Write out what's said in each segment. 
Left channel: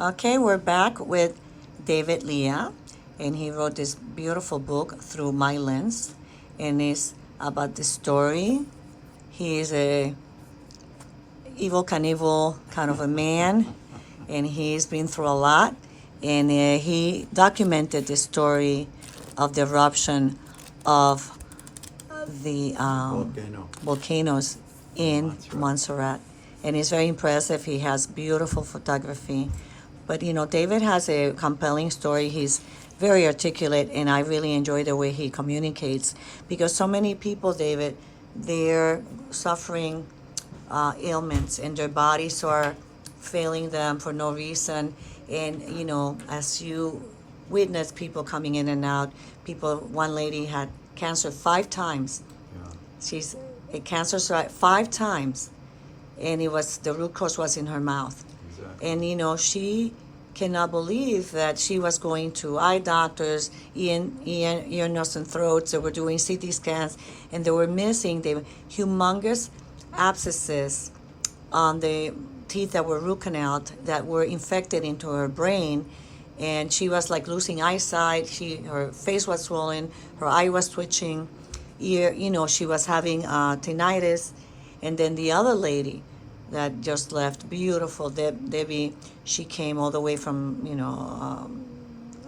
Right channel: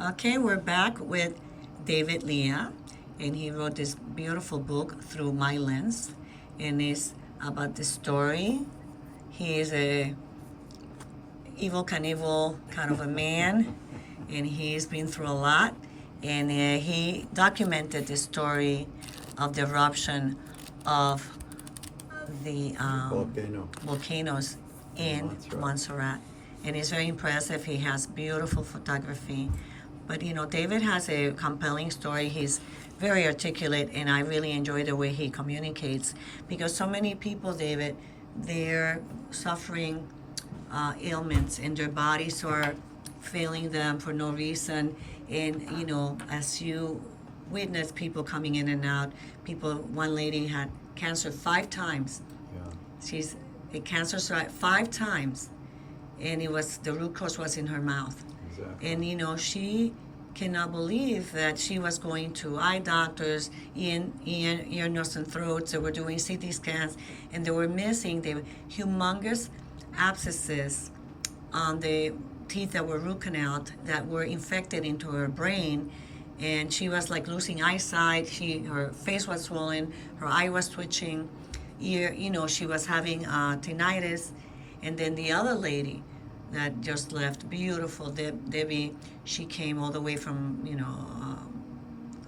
Okay, we're back with David Leah, and he wrote this beautiful book, Through My Lens, and it's about the story. He is a evil Knievel kind of a man, and he's been through a lot, and he documented the story of the eruption of the Volcano volcanoes in Montserrat. Montserrat. And it's very impressive. He has beautiful photography. But David has a compelling story. He's very articulate, and I really enjoy the way he communicates because so many people, David, they're suffering ailments and their bodies are failing them for no reason. And, as you witness people coming in and out, one lady had cancer 5 times. Yeah. She's a cancer 5 times, and the root cause was in her mouth. Exactly. And she cannot believe that she was going to eye doctors, ear, nose, and throats. They were doing CT scans, and they were missing the humongous abscesses on the teeth that were root canaled that were infected into her brain. And she was like losing eyesight. Her face was swollen, her eye was twitching, she was having tinnitus. And then the other lady that just left, beautiful Debbie, she came all the way from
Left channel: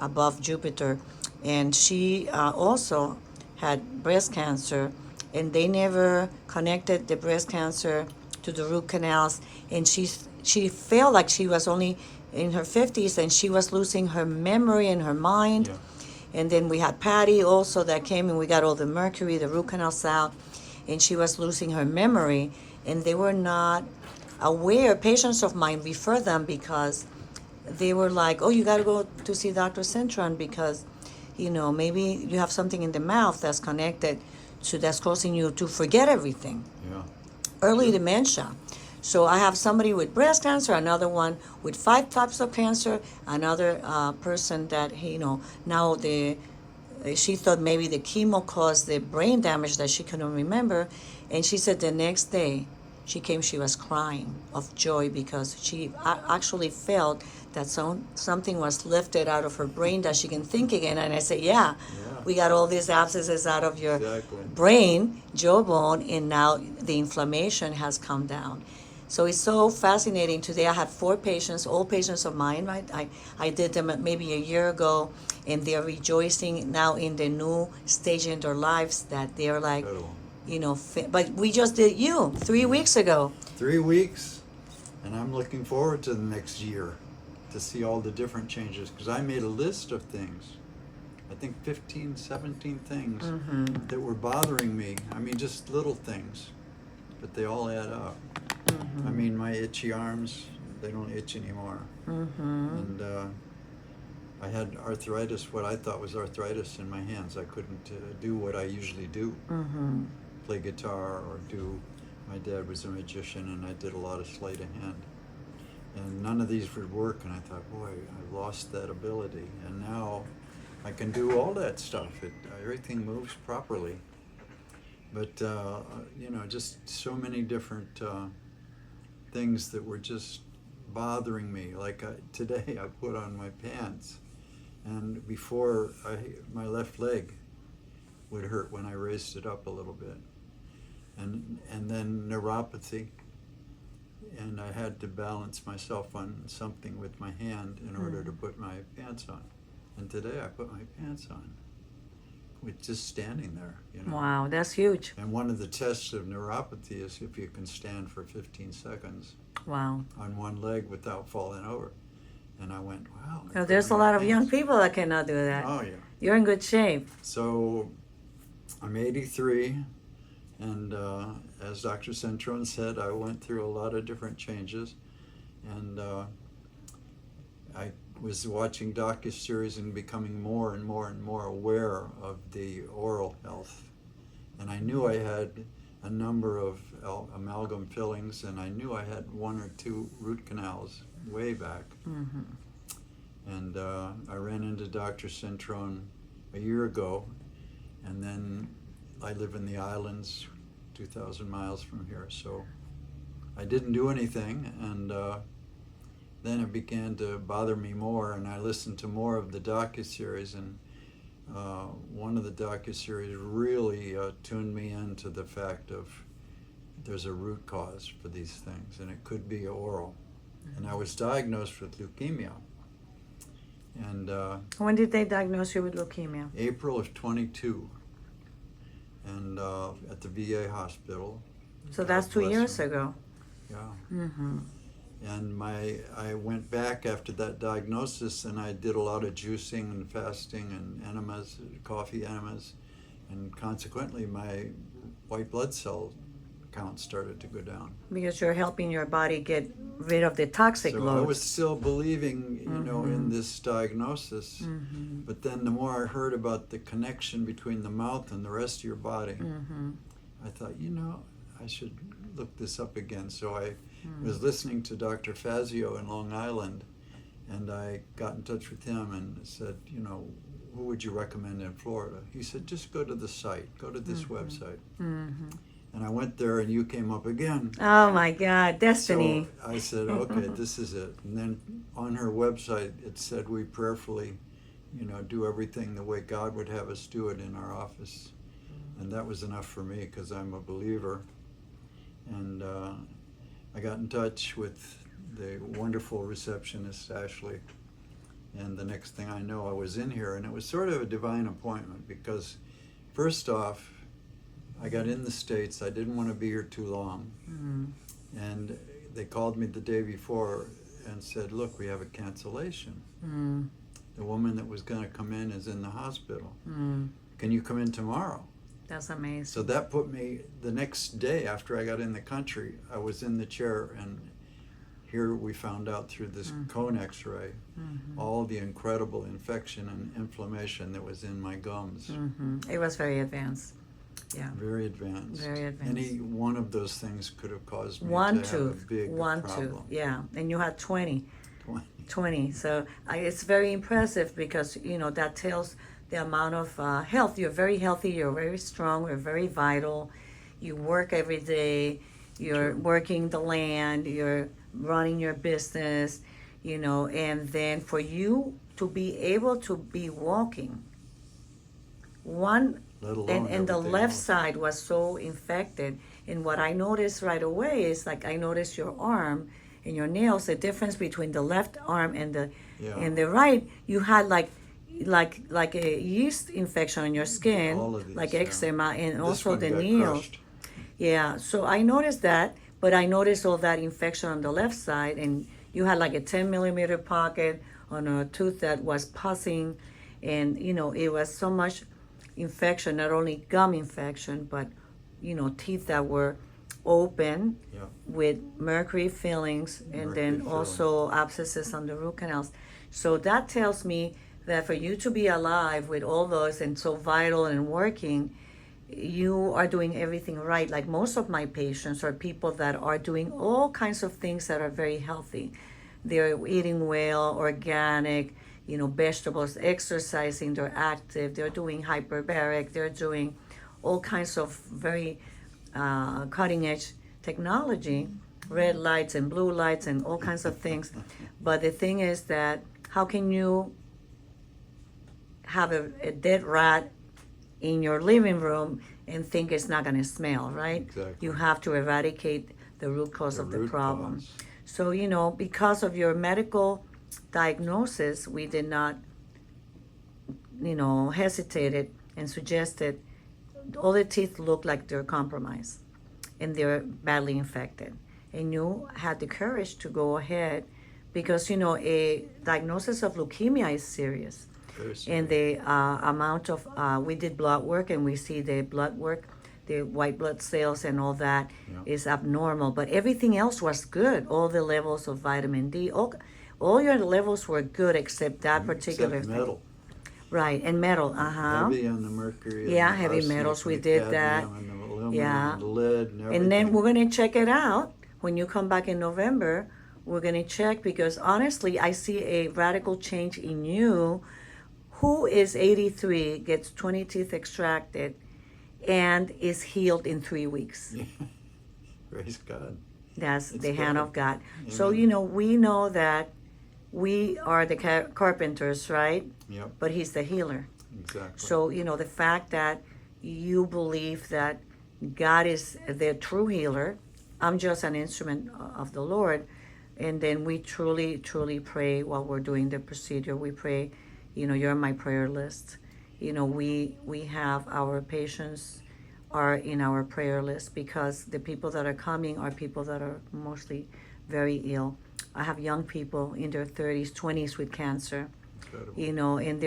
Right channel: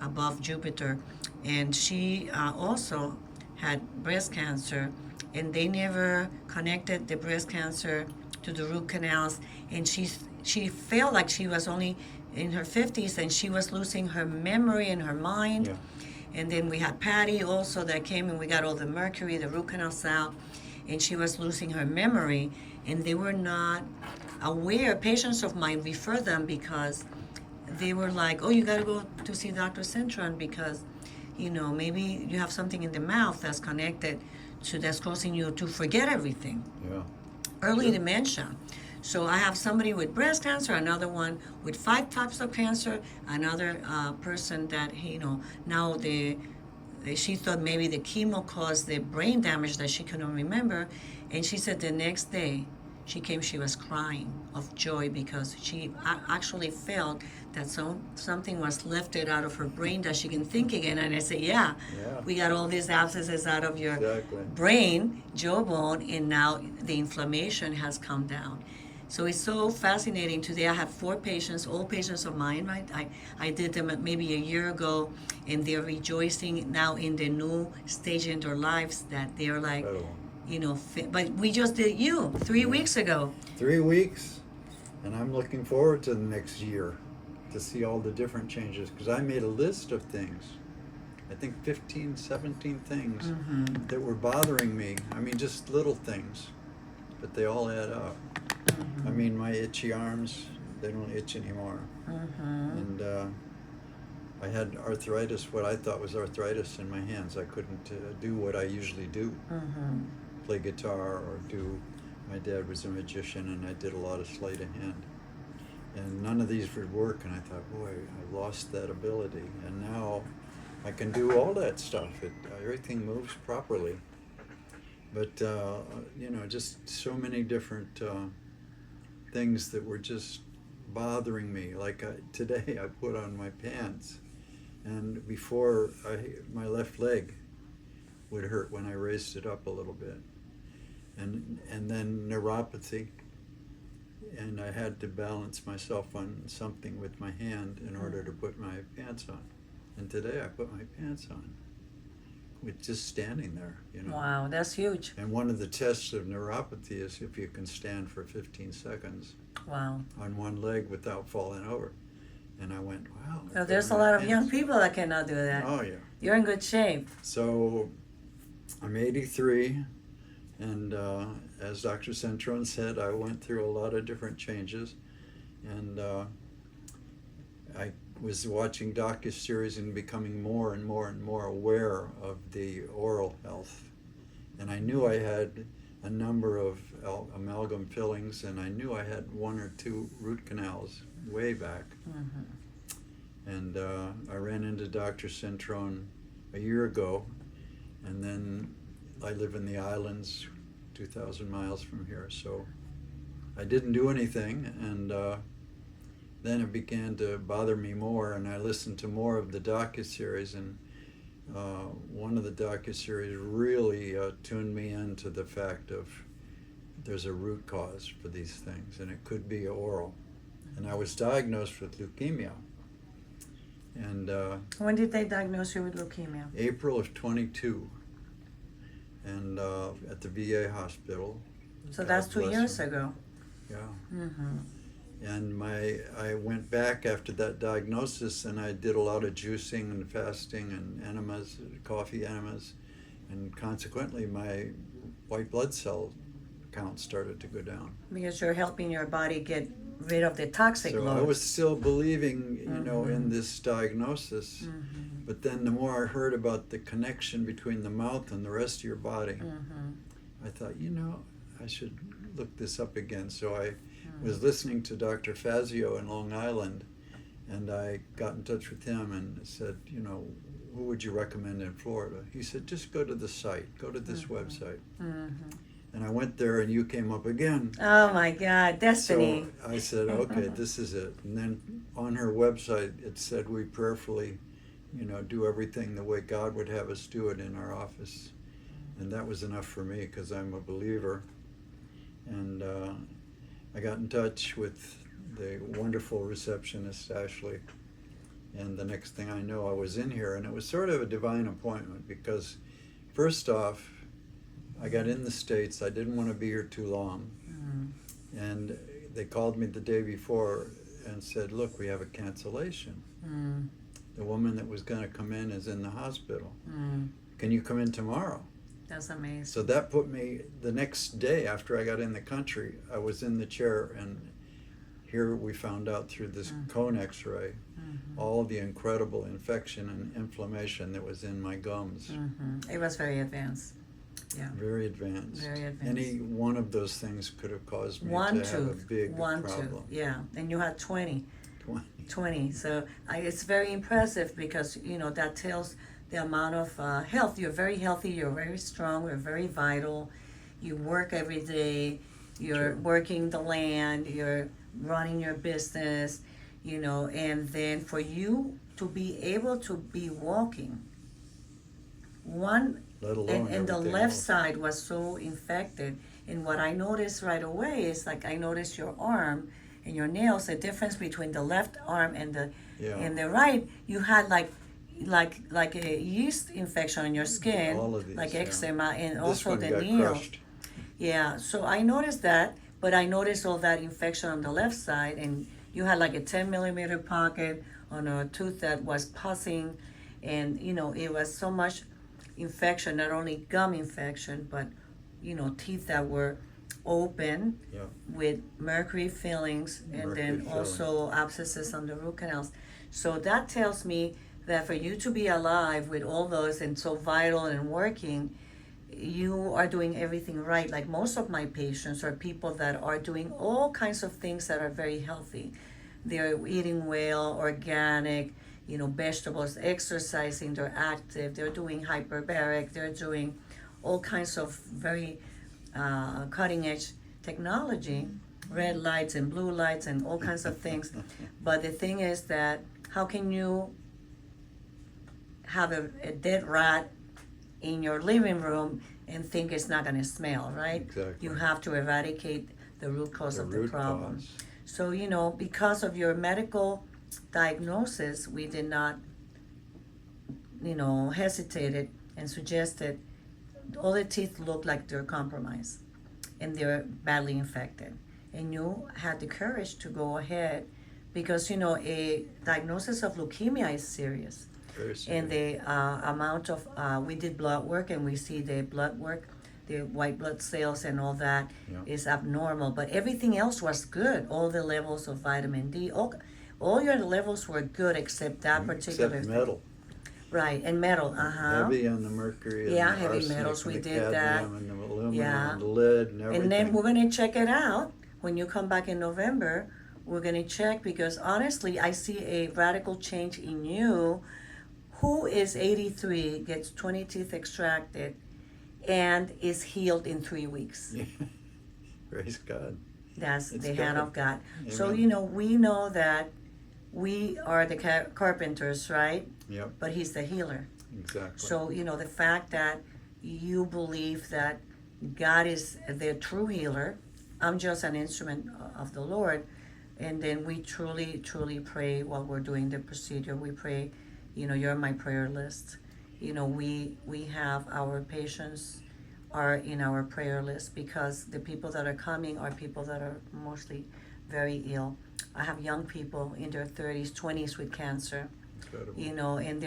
above Jupiter, and she also had breast cancer, and they never connected the breast cancer to the root canals, and she felt like she was only in her 50s, and she was losing her memory and her mind. Yeah. And then we had Patty also that came, and we got all the mercury, the root canals out, and she was losing her memory, and they were not aware. Patients of mine refer them because they were like, oh, you got to go to see Dr. Cintron because, maybe you have something in the mouth that's connected that's causing you to forget everything. Yeah. Early Sure. dementia. So I have somebody with breast cancer, another one with 5 types of cancer, another person that, now she thought maybe the chemo caused the brain damage that she couldn't remember. And she said the next day she was crying of joy because she actually felt that something was lifted out of her brain that she can think again. And I said, yeah, we got all these abscesses out of your Exactly. brain, jawbone, and now the inflammation has come down. So it's so fascinating. Today I had 4 patients, all patients of mine, right? I did them maybe a year ago, and they're rejoicing now in the new stage in their lives that they're like, Incredible. But we just did you 3 weeks ago. 3 weeks, and I'm looking forward to the next year to see all the different changes because I made a list of things. I think 15, 17 things that were bothering me. I mean, just little things, but they all add up. I mean, my itchy arms, they don't itch anymore. And I had arthritis, what I thought was arthritis in my hands. I couldn't do what I usually do, play guitar or do. My dad was a magician, and I did a lot of sleight of hand. And none of these would work, and I thought, boy, I lost that ability. And now I can do all that stuff. Everything moves properly. But, just so many different things that were just bothering me. Like today I put on my pants, and before my left leg would hurt when I raised it up a little bit. And then neuropathy, and I had to balance myself on something with my hand in order to put my pants on. And today I put my pants on with just standing there, Wow, that's huge. And one of the tests of neuropathy is if you can stand for 15 seconds Wow. on one leg without falling over. And I went, wow. There's a lot of young people that cannot do that. Oh, yeah. You're in good shape. So I'm 83, and as Dr. Cintron said, I went through a lot of different changes, and I was watching docuseries and becoming more and more and more aware of the oral health. And I knew I had a number of amalgam fillings, and I knew I had 1 or 2 root canals way back. And I ran into Dr. Cintron a year ago, and then I live in the islands 2,000 miles from here, so I didn't do anything. And then it began to bother me more, and I listened to more of the docuseries, and one of the docuseries really tuned me into the fact of there's a root cause for these things, and it could be oral. And I was diagnosed with leukemia. And when did they diagnose you with leukemia? April of 22, and at the VA hospital. So God that's 2 bless years them. ago. Yeah. Mm-hmm. And I went back after that diagnosis, and I did a lot of juicing and fasting and enemas, coffee enemas, and consequently my white blood cell count started to go down. Because you're helping your body get rid of the toxic So load. I was still believing, in this diagnosis, Mm-hmm. but then the more I heard about the connection between the mouth and the rest of your body, Mm-hmm. I thought, I should look this up again. So I was listening to Dr. Fazio in Long Island, and I got in touch with him and said, who would you recommend in Florida? He said, just go to the site, go to this website. Mm-hmm. And I went there, and you came up again. Oh my God, destiny. So I said, okay, this is it. And then on her website, it said we prayerfully, do everything the way God would have us do it in our office. And that was enough for me, because I'm a believer. And I got in touch with the wonderful receptionist, Ashley. And the next thing I know, I was in here, and it was sort of a divine appointment, because first off, I got in the States. I didn't want to be here too long. Mm. And they called me the day before and said, look, we have a cancellation. Mm. The woman that was going to come in is in the hospital. Mm. Can you come in tomorrow? That's amazing. So that put me, the next day after I got in the country, I was in the chair, and here we found out through this cone x-ray all the incredible infection and inflammation that was in my gums. Mm-hmm. It was very advanced. Yeah. Very advanced. Very advanced. Any one of those things could have caused me One to have a tooth. big One problem. tooth. Yeah. And you had 20. 20. So it's very impressive, because, that tells the amount of health. You're very healthy. You're very strong. You're very vital. You work every day. You're True. working the land. You're running your business, and then for you to be able to be walking, Let alone and the everything left else. side was so infected. And what I noticed right away is, like, I noticed your arm and your nails, the difference between the left arm and the right. You had like a yeast infection on your skin, All of these, like yeah. eczema, and This also one the got nail. crushed. Yeah, so I noticed that, but I noticed all that infection on the left side, and you had like a 10 millimeter pocket on a tooth that was pussing, and it was so much infection, not only gum infection, but teeth that were open Yeah. with mercury fillings, and Mercury then also abscesses on the root canals. So that tells me that for you to be alive with all those and so vital and working, you are doing everything right. Like most of my patients are people that are doing all kinds of things that are very healthy. They're eating well, organic, vegetables, exercising, they're active, they're doing hyperbaric, they're doing all kinds of very cutting edge technology, red lights and blue lights and all kinds of things. But the thing is that how can you have a dead rat in your living room and think it's not going to smell, right? Exactly. You have to eradicate the root cause of the root problem. cause. So, because of your medical diagnosis, we did not, hesitated and suggested all the teeth look like they're compromised and they're badly infected. And you had the courage to go ahead because, a diagnosis of leukemia is serious. Very And serious. the amount of, we did blood work and we see the blood work, the white blood cells and all that is Yeah. abnormal. But everything else was good. All the levels of vitamin D, all your levels were good except that particular Except metal. Right, and metal, Heavy on the mercury. Yeah, and the heavy arsenic metals, and we the did that. cadmium and the aluminum Yeah. and the lead and everything. And then we're going to check it out when you come back in November. We're going to check because honestly, I see a radical change in you. Who is 83, gets 20 teeth extracted, and is healed in 3 weeks? Praise God. That's It's the hand God. of God. So, Amen. we know that we are the carpenters, right? Yep. But he's the healer. Exactly. So, the fact that you believe that God is the true healer, I'm just an instrument of the Lord. And then we truly, truly pray while we're doing the procedure. We pray, you're on my prayer list. We have our patients are in our prayer list because the people that are coming are people that are mostly very ill. I have young people in their 30s, 20s with cancer, Incredible. and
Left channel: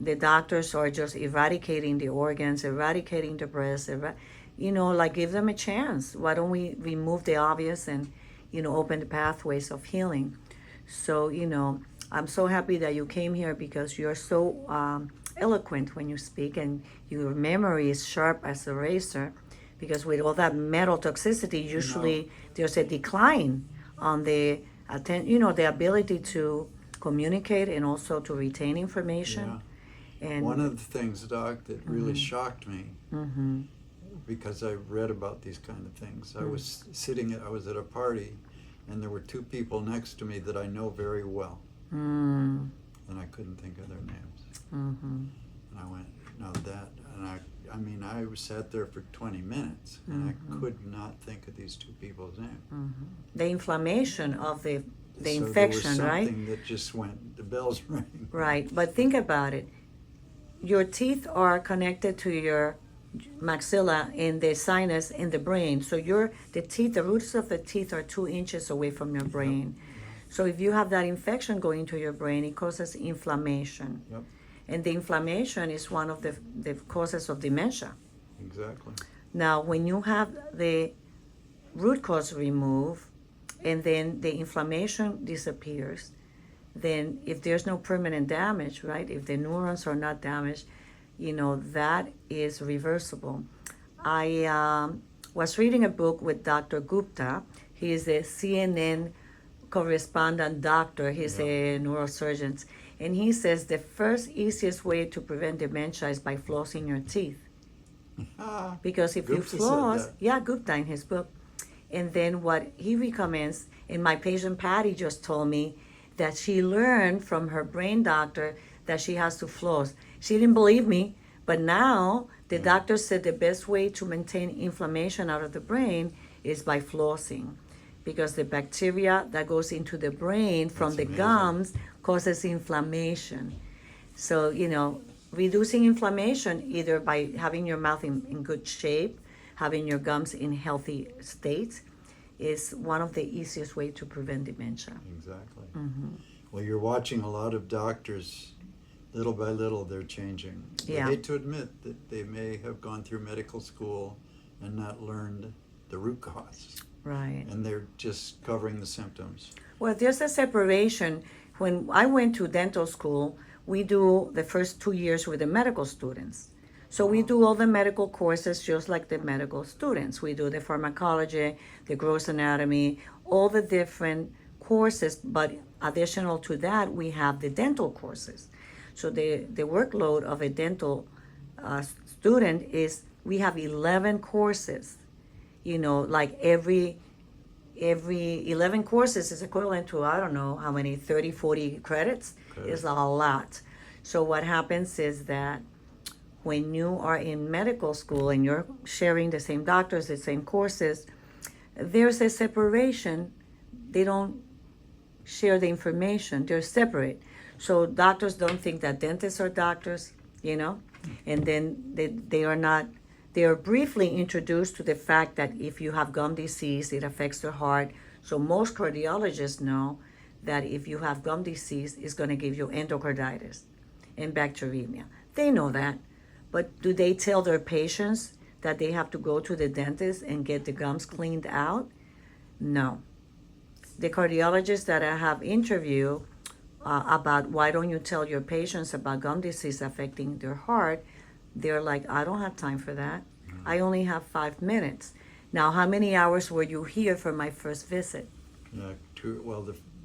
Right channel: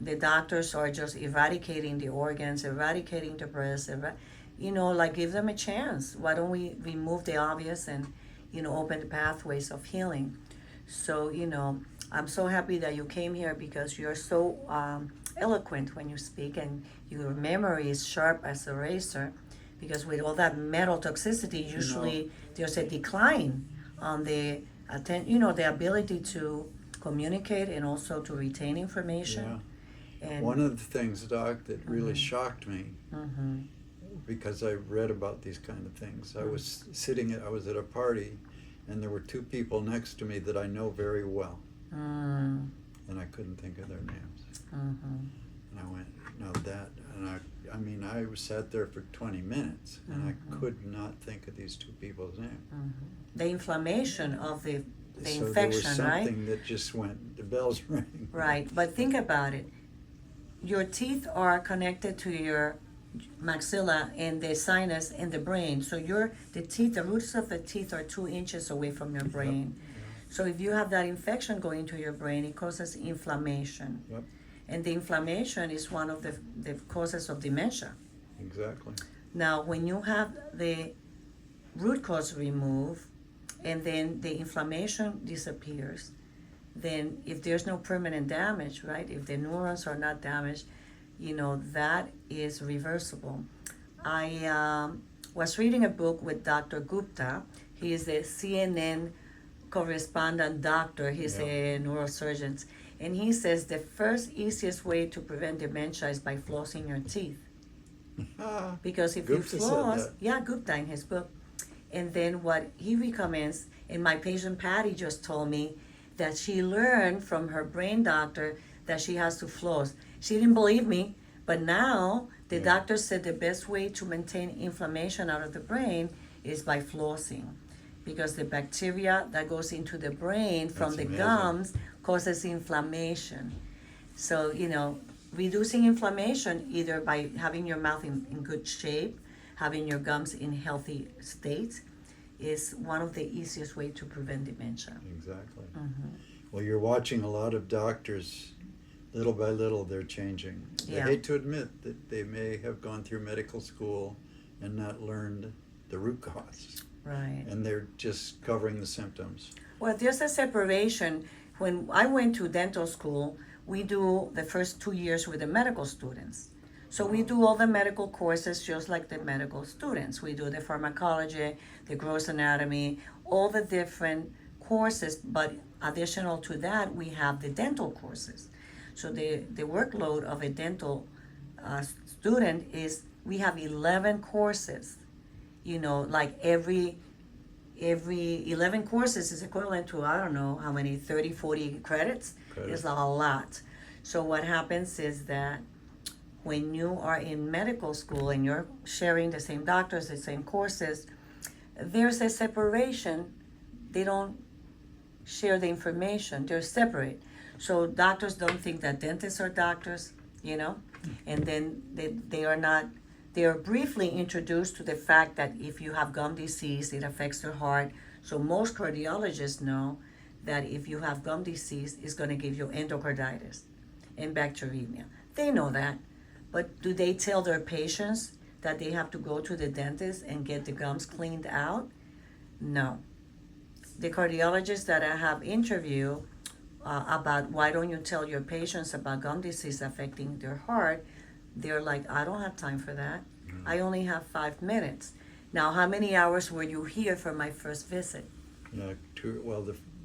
the doctors are just eradicating the organs, eradicating the breast, like give them a chance. Why don't we remove the obvious and, open the pathways of healing? So, I'm so happy that you came here because you're so eloquent when you speak and your memory is sharp as a razor, because with all that metal toxicity, usually there's a decline on the the ability to communicate and also to retain information. Yeah. And one of the things, Doc, that really shocked me, because I read about these kind of things. I was at a party, and there were two people next to me that I know very well, and I couldn't think of their names. And I went, no, that, and I sat there for 20 minutes, and I could not think of these two people's names. The inflammation of the So infection, there was right? something that just went, the bells rang. Right, but think about it. Your teeth are connected to your maxilla and the sinus and the brain. So the roots of the teeth are 2 inches away from your brain. So if you have that infection going to your brain, it causes inflammation. Yep. And the inflammation is one of the causes of dementia. Exactly. Now, when you have the root cause removed and then the inflammation disappears, then if there's no permanent damage, right, if the neurons are not damaged, that is reversible. I was reading a book with Dr. Gupta. He is a CNN correspondent doctor. He's a neurosurgeon. And he says the first easiest way to prevent dementia is by flossing your teeth. Because if Gupta you floss, said that. Gupta in his book. And then what he recommends, and my patient Patty just told me that she learned from her brain doctor that she has to floss. She didn't believe me, but now the doctor said the best way to maintain inflammation out of the brain is by flossing, because the bacteria that goes into the brain from That's the amazing. gums causes inflammation. So, reducing inflammation either by having your mouth in good shape, having your gums in healthy states, is one of the easiest way to prevent dementia. Exactly. Well, you're watching a lot of doctors, little by little, they're changing. Yeah. I hate to admit that they may have gone through medical school and not learned the root cause. Right. And they're just covering the symptoms. Well, there's a separation. When I went to dental school, we do the first 2 years with the medical students. So we do all the medical courses just like the medical students. We do the pharmacology, the gross anatomy, all the different courses, but additional to that, we have the dental courses. So the workload of a dental student is, we have 11 courses. Like every 11 courses is equivalent to, I don't know how many, 30, 40 credits. It's a lot. So what happens is that when you are in medical school and you're sharing the same doctors, the same courses, there's a separation. They don't share the information. They're separate. So doctors don't think that dentists are doctors, and then they are not. They are briefly introduced to the fact that if you have gum disease, it affects the heart. So most cardiologists know that if you have gum disease, it's going to give you endocarditis and bacteremia. They know that. But do they tell their patients that they have to go to the dentist and get the gums cleaned out? No. The cardiologists that I have interviewed about why don't you tell your patients about gum disease affecting their heart, they're like, I don't have time for that. I only have 5 minutes. Now, how many hours were you here for my first visit? The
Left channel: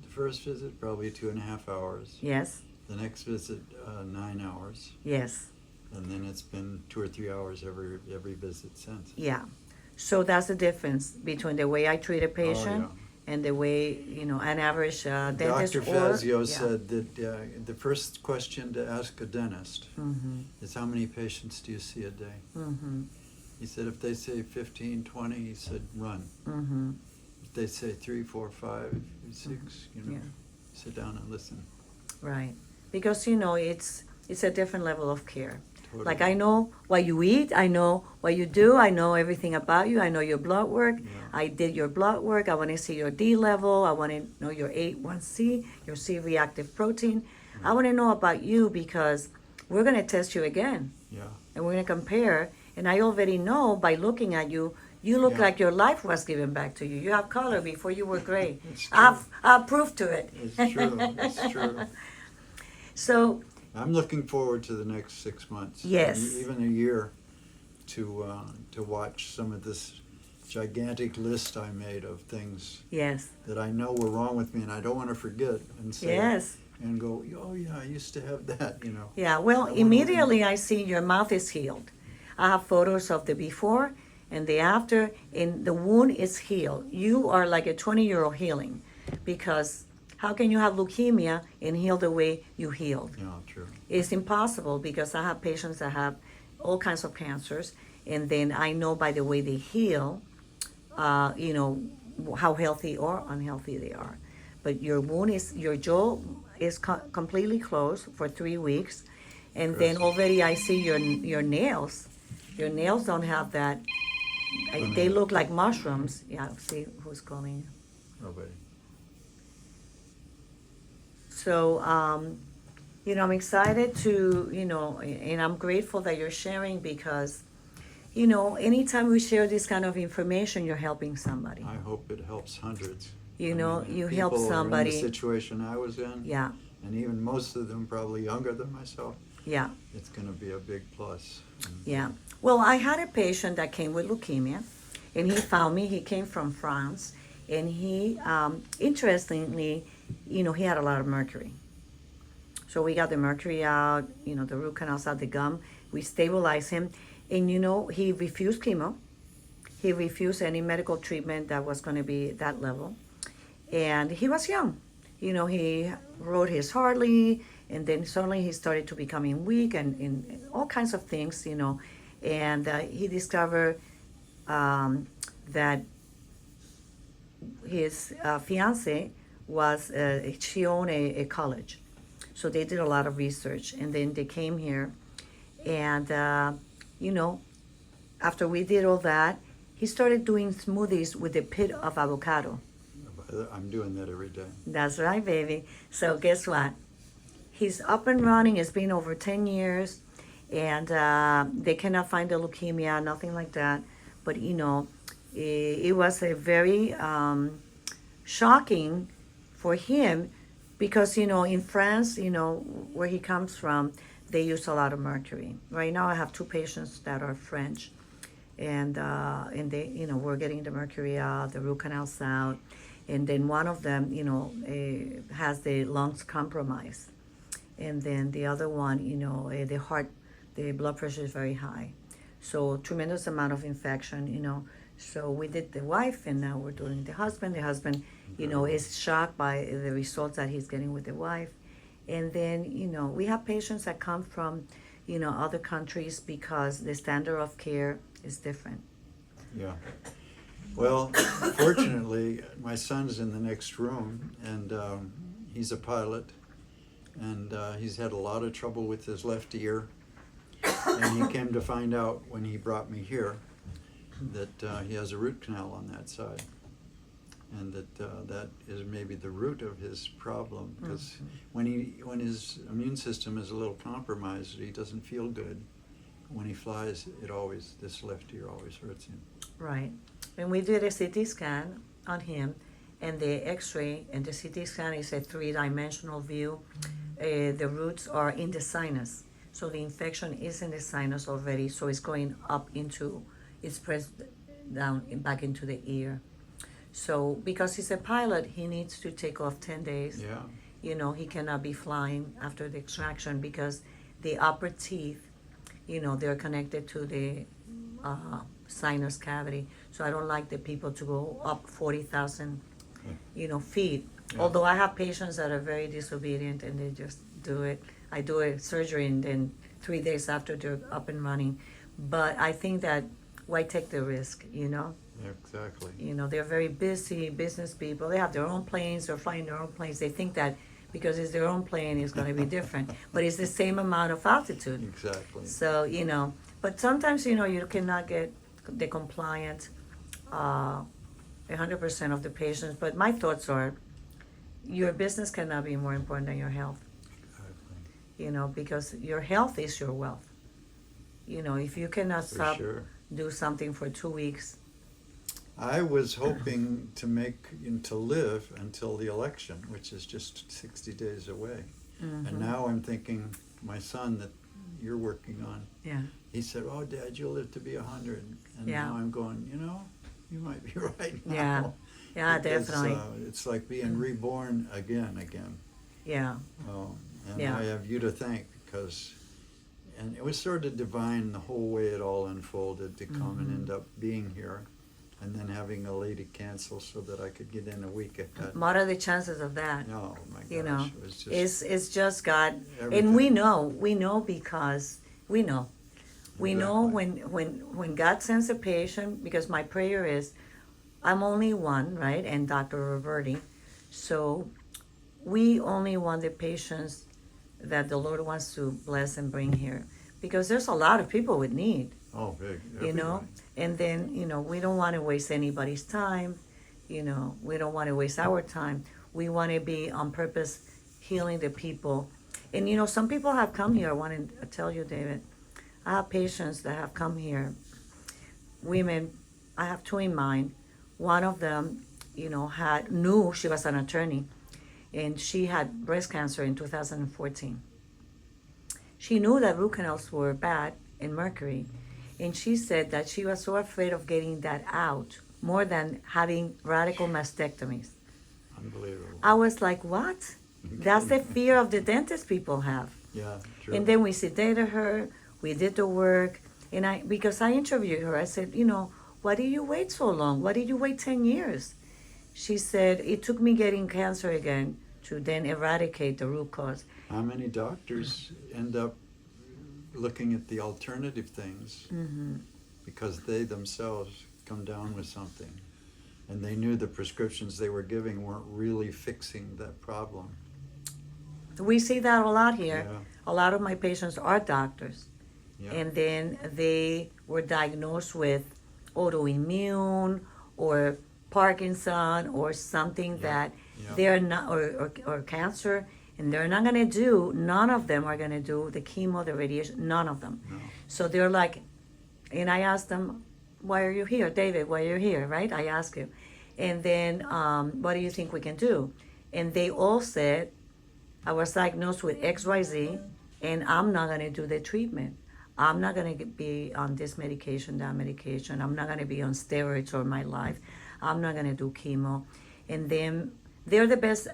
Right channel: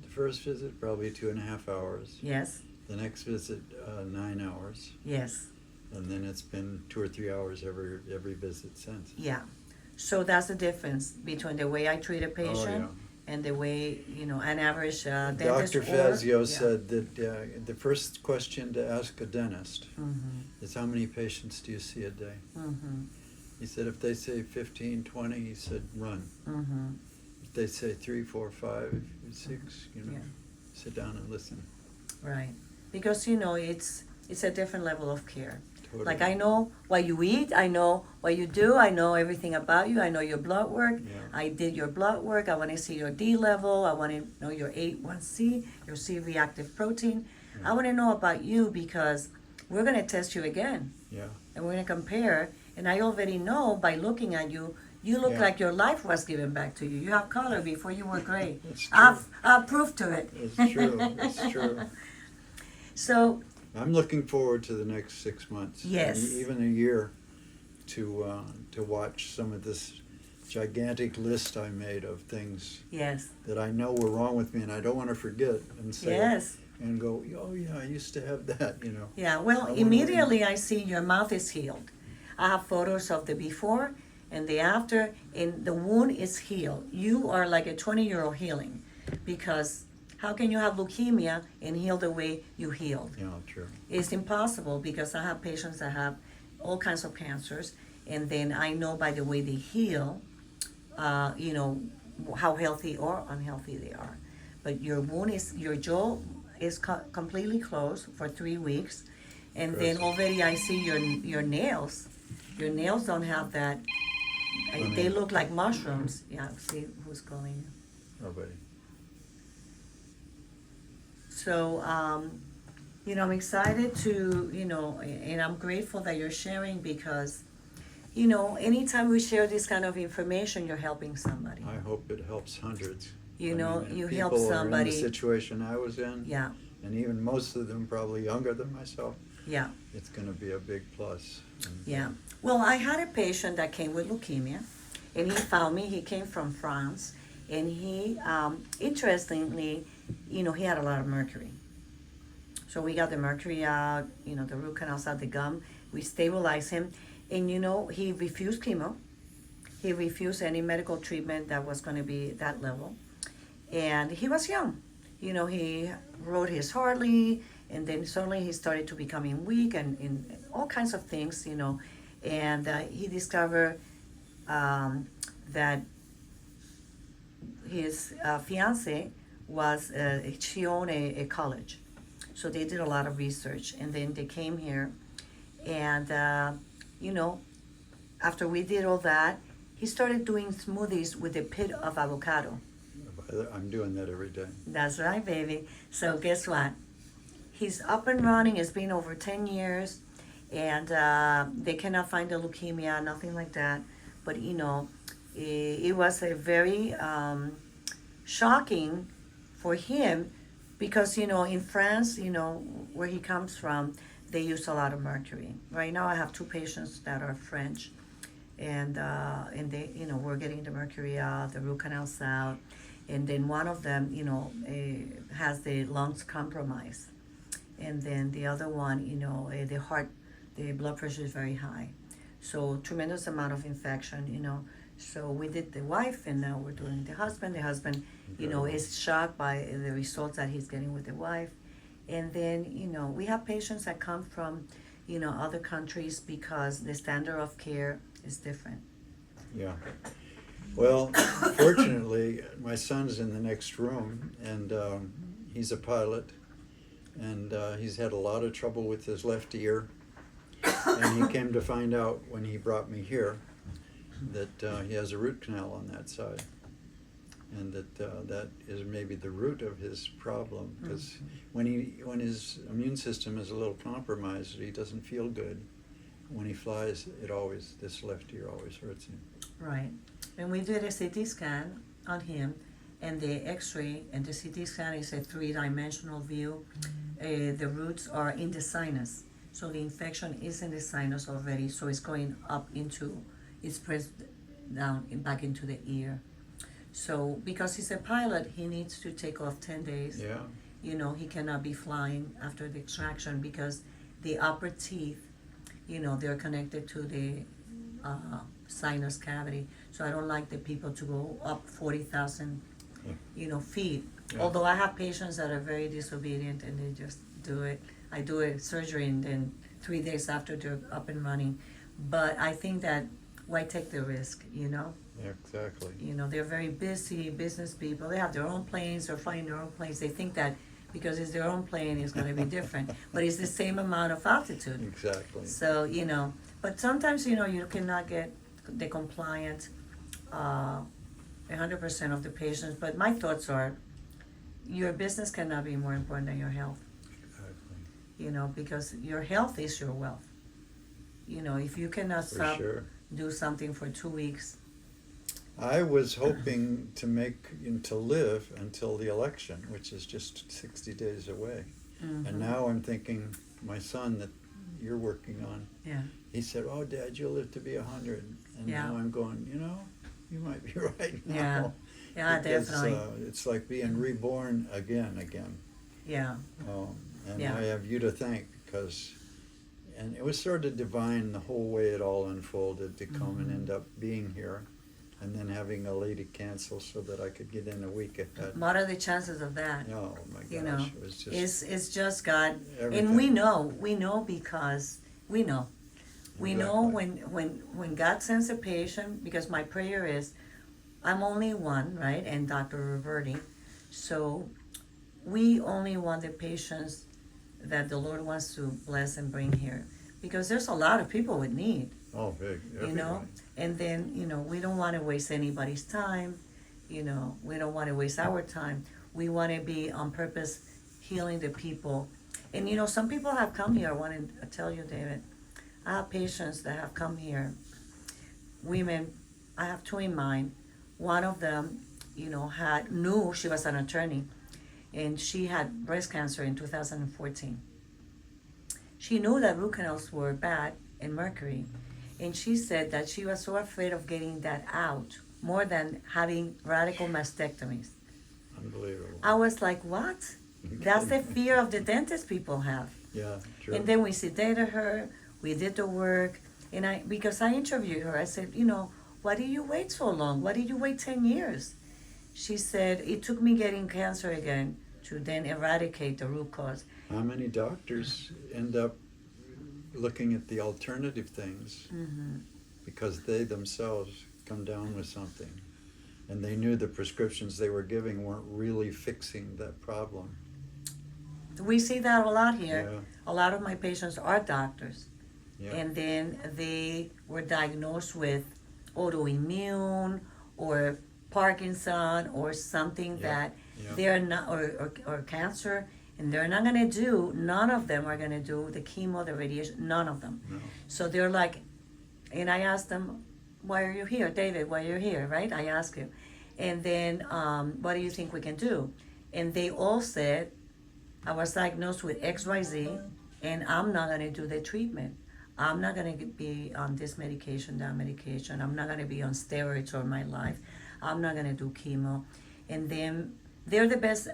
first visit, probably 2.5 hours. Yes. The next visit, 9 hours. Yes. And then it's been 2 or 3 hours every visit since. Yeah. So that's the difference between the way I treat a patient and the way, an average dentist. Dr. Fazio yeah. said that the first question to ask a dentist is how many patients do you see a day? He said if they say 15, 20, he said run. If they say 3, 4, 5, 6, sit down and listen. Right, because it's a different level of care. Totally. Like, I know what you eat, I know what you do, I know everything about you, I know your blood work. Yeah. I did your blood work, I want to see your D level, I want to know your A1C, your C-reactive protein. I want to know about you because we're going to test you again. Yeah. And we're going to compare, and I already know by looking at you, you look Yeah. like your life was given back to you. You have color before you were gray. It's true. I've proof to it. It's true. It's true. So, I'm looking forward to the next 6 months. Yes. And even a year to watch some of this gigantic list I made of things yes. that I know were wrong with me and I don't want to forget and say Yes. and go, oh yeah, I used to have that, Yeah, well, I wanna immediately I see your mouth is healed. I have photos of the before and the after, and the wound is healed. You are like a 20-year-old healing, because how can you have leukemia and heal the way you healed? Yeah, true. It's impossible, because I have patients that have all kinds of cancers, and then I know by the way they heal, how healthy or unhealthy they are. But your jaw is completely closed for 3 weeks, and then Impressive. already I see your nails. Your nails don't have that. They look like mushrooms. Yeah, see who's calling. Nobody. So, I'm excited to, and I'm grateful that you're sharing, because, anytime we share this kind of information, you're helping somebody. I hope it helps hundreds. You People help are in somebody. the situation I was in, Yeah, and even most of them probably younger than myself. yeah, It's going to be a big plus. And, yeah. Well, I had a patient that came with leukemia, and he found me. He came from France, and he, interestingly, he had a lot of mercury. So we got the mercury out, the root canals out, the gum. We stabilized him, and he refused chemo. He refused any medical treatment that was going to be that level, and he was young. He rode his Harley, and then suddenly he started to becoming weak and all kinds of things, and he discovered that his fiance was she owned a college, so they did a lot of research, and then they came here, and after we did all that, he started doing smoothies with a pit of avocado. I'm doing that every day. That's right, baby. So guess what? He's up and running. It's been over 10 years, and they cannot find the leukemia, nothing like that. But it was a very shocking for him, because in France, where he comes from, they use a lot of mercury. Right now, I have 2 patients that are French, and they, we're getting the mercury out, the root canals out, and then one of them, has the lungs compromised, and then the other one, the heart, the blood pressure is very high, so tremendous amount of infection, So we did the wife, and now we're doing the husband. The husband, is shocked by the results that he's getting with the wife, and then we have patients that come from, other countries, because the standard of care is different. Yeah. Well, fortunately, my son's in the next room, and he's a pilot, and he's had a lot of trouble with his left ear, and he came to find out when he brought me here that he has a root canal on that side, and that is maybe the root of his problem, because when his immune system is a little compromised, he doesn't feel good. When he flies, this left ear always hurts him. Right. When we did a CT scan on him, and the X-ray, and the CT scan is a 3-dimensional view, the roots are in the sinus. So the infection is in the sinus already, so it's going up it's pressed down back into the ear. So because he's a pilot, he needs to take off 10 days. Yeah. He cannot be flying after the extraction, because the upper teeth, they're connected to the sinus cavity. So I don't like the people to go up 40,000 feed. Yeah. Although I have patients that are very disobedient and they just do it. I do a surgery and then 3 days after they're up and running. But I think that why take the risk, Yeah, exactly. They're very busy business people. They have their own planes. They're flying their own planes. They think that because it's their own plane, it's going to be different. But it's the same amount of altitude. Exactly. So, but sometimes, you cannot get the compliant 100% of the patients. But my thoughts are your business cannot be more important than your health, Exactly. because your health is your wealth. If you cannot For stop, sure. do something for 2 weeks. I was hoping to live until the election, which is just 60 days away. Mhm. And now I'm thinking, my son that you're working on, Yeah. he said, "Oh, Dad, you'll live to be 100." And Yeah. now I'm going, you might be right now. Yeah. Yeah, Because, definitely. it's like being reborn again. Yeah. And Yeah. I have you to thank because, and it was sort of divine the whole way it all unfolded to come and Mhm. end up being here, and then having a lady cancel so that I could get in a week ahead. What are the chances of that? Oh my gosh, You know, it was just It's just God, everything. and we know because we know. We know Exactly. when God sends a patient, because my prayer is, I'm only one, right? And Dr. Roberti. So we only want the patients that the Lord wants to bless and bring here. Because there's a lot of people with need, Oh, big. and then, we don't want to waste anybody's time. We don't want to waste our time. We want to be on purpose healing the people. And, some people have come here. I want to tell you, David, I have patients that have come here, women. I have two in mind. One of them, knew she was an attorney, and she had breast cancer in 2014. She knew that root canals were bad and mercury, and she said that she was so afraid of getting that out more than having radical mastectomies. Unbelievable. I was like, what? That's the fear of the dentist people have. Yeah, true. And then we sedated her, we did the work, and because I interviewed her, I said, why did you wait so long? Why did you wait 10 years? She said, it took me getting cancer again to then eradicate the root cause. How many doctors end up looking at the alternative things Mm-hmm. because they themselves come down with something and they knew the prescriptions they were giving weren't really fixing that problem? We see that a lot here. Yeah. A lot of my patients are doctors. Yeah. And then they were diagnosed with autoimmune or Parkinson or something Yeah. that Yeah. they're not, or cancer, and they're not going to do, none of them are going to do the chemo, the radiation, none of them. No. So they're like, and I asked them, why are you here, David? Why are you here, right? I asked him. And then, what do you think we can do? And they all said, I was diagnosed with XYZ, and I'm not going to do the treatment. I'm not going to be on this medication, that medication. I'm not going to be on steroids all my life. I'm not going to do chemo. And then they're the best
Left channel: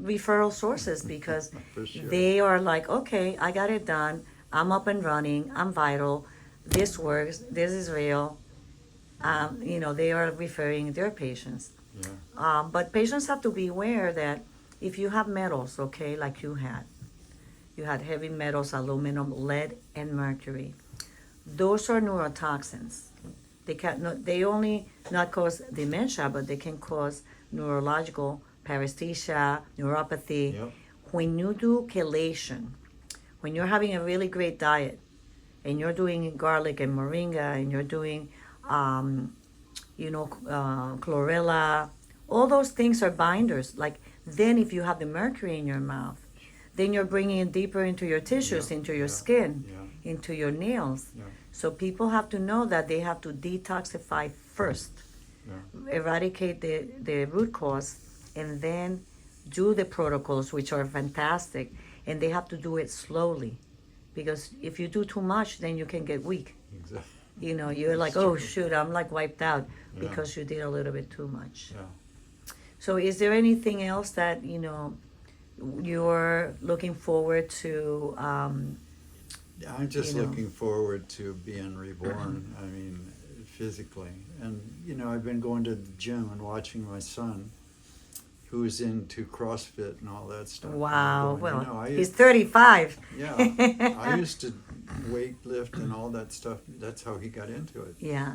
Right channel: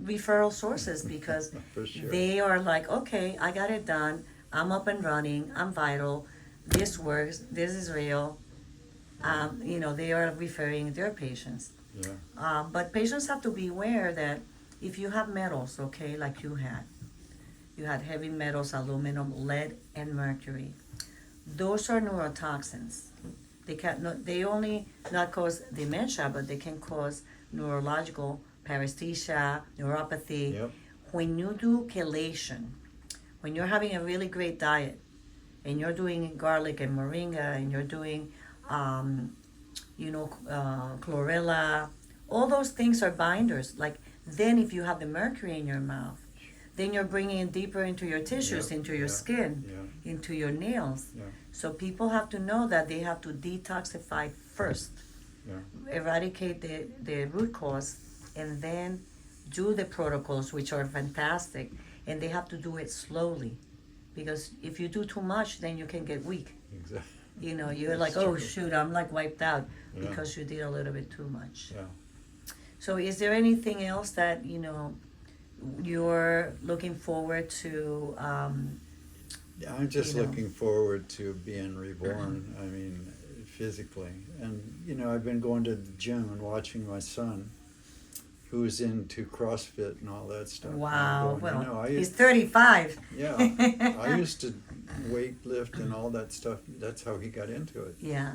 referral sources because For sure. they are like, okay, I got it done. I'm up and running. I'm vital. This works. This is real. They are referring their patients. Yeah. But patients have to be aware that if you have metals, okay, like you had heavy metals, aluminum, lead, and mercury. Those are neurotoxins. They only not cause dementia, but they can cause neurological paresthesia, neuropathy. Yep. When you do chelation, when you're having a really great diet, and you're doing garlic and moringa, and you're doing, chlorella, all those things are binders. Like, then if you have the mercury in your mouth, then you're bringing it deeper into your tissues, Yeah, into your yeah, skin, yeah. into your nails. Yeah. So people have to know that they have to detoxify first, Yeah. eradicate the root cause, and then do the protocols, which are fantastic. And they have to do it slowly, because if you do too much, then you can get weak. Exactly. You're like, That's oh true. shoot, I'm like wiped out Yeah. because you did a little bit too much. Yeah. So is there anything else that you're looking forward to? Yeah, I'm just You know. looking forward to being reborn. I mean, physically. And, I've been going to the gym and watching my son. who's into CrossFit and all that stuff. Wow. And I'm going, Well, I he's used, 35. yeah, I used to weight lift and all that stuff. That's how he got into it. Yeah.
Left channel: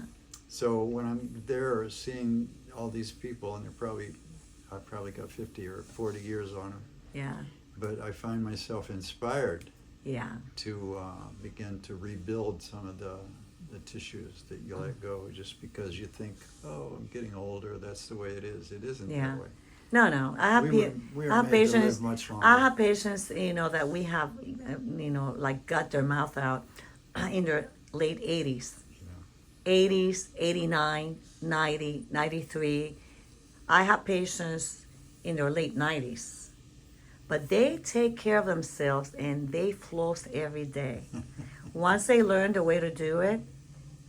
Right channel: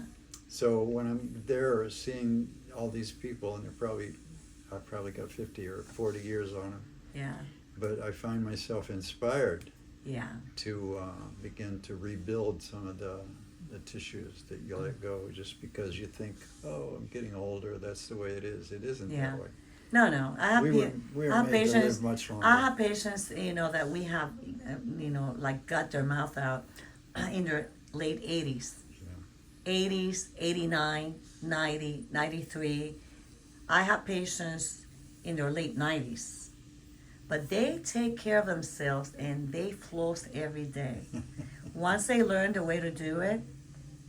So when I'm there seeing all these people, and I probably got 50 or 40 years on them, Yeah. but I find myself inspired Yeah. to begin to rebuild some of the tissues that you let go just because you think, oh, I'm getting older, that's the way it is. It isn't Yeah. that way. No. I have, We I were have made to patients. live much longer. I have patients, that we have, like got their mouth out in their late 80s. 80s, 89, 90, 93. I have patients in their late 90s. But they take care of themselves and they floss every day. Once they learn the way to do it,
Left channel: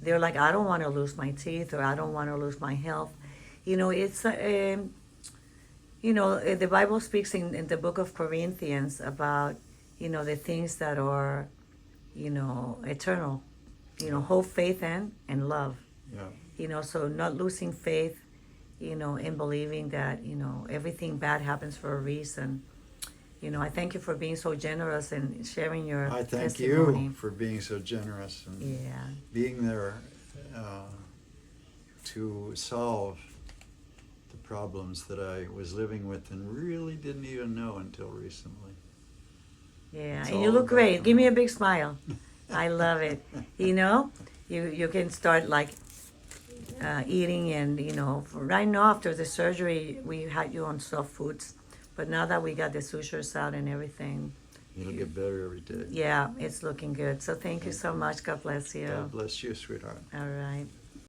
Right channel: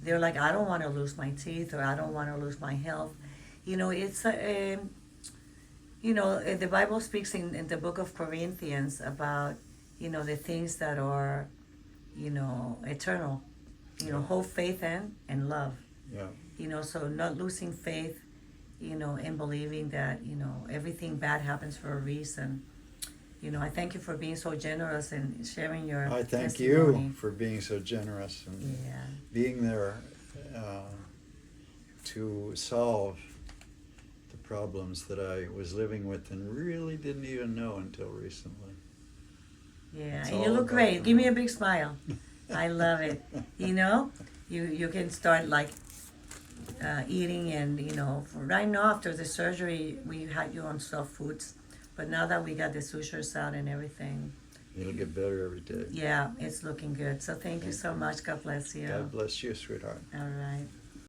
they're like, I don't want to lose my teeth or I don't want to lose my health. It's the Bible speaks in the book of Corinthians about, the things that are, eternal. Hope, faith, and love. Yeah. So not losing faith, in believing that, everything bad happens for a reason. I thank you for being so generous and sharing your I thank testimony. you for being so generous and Yeah. being there to solve the problems that I was living with and really didn't even know until recently. Yeah, It's and you all look about great. the Give me a mind. big smile. I love it. You can start like eating and right now after the surgery we had you on soft foods, but now that we got the sutures out and everything, It'll get better every day. yeah, it's looking good. So thank you so much. God bless you. God bless you, sweetheart. All right.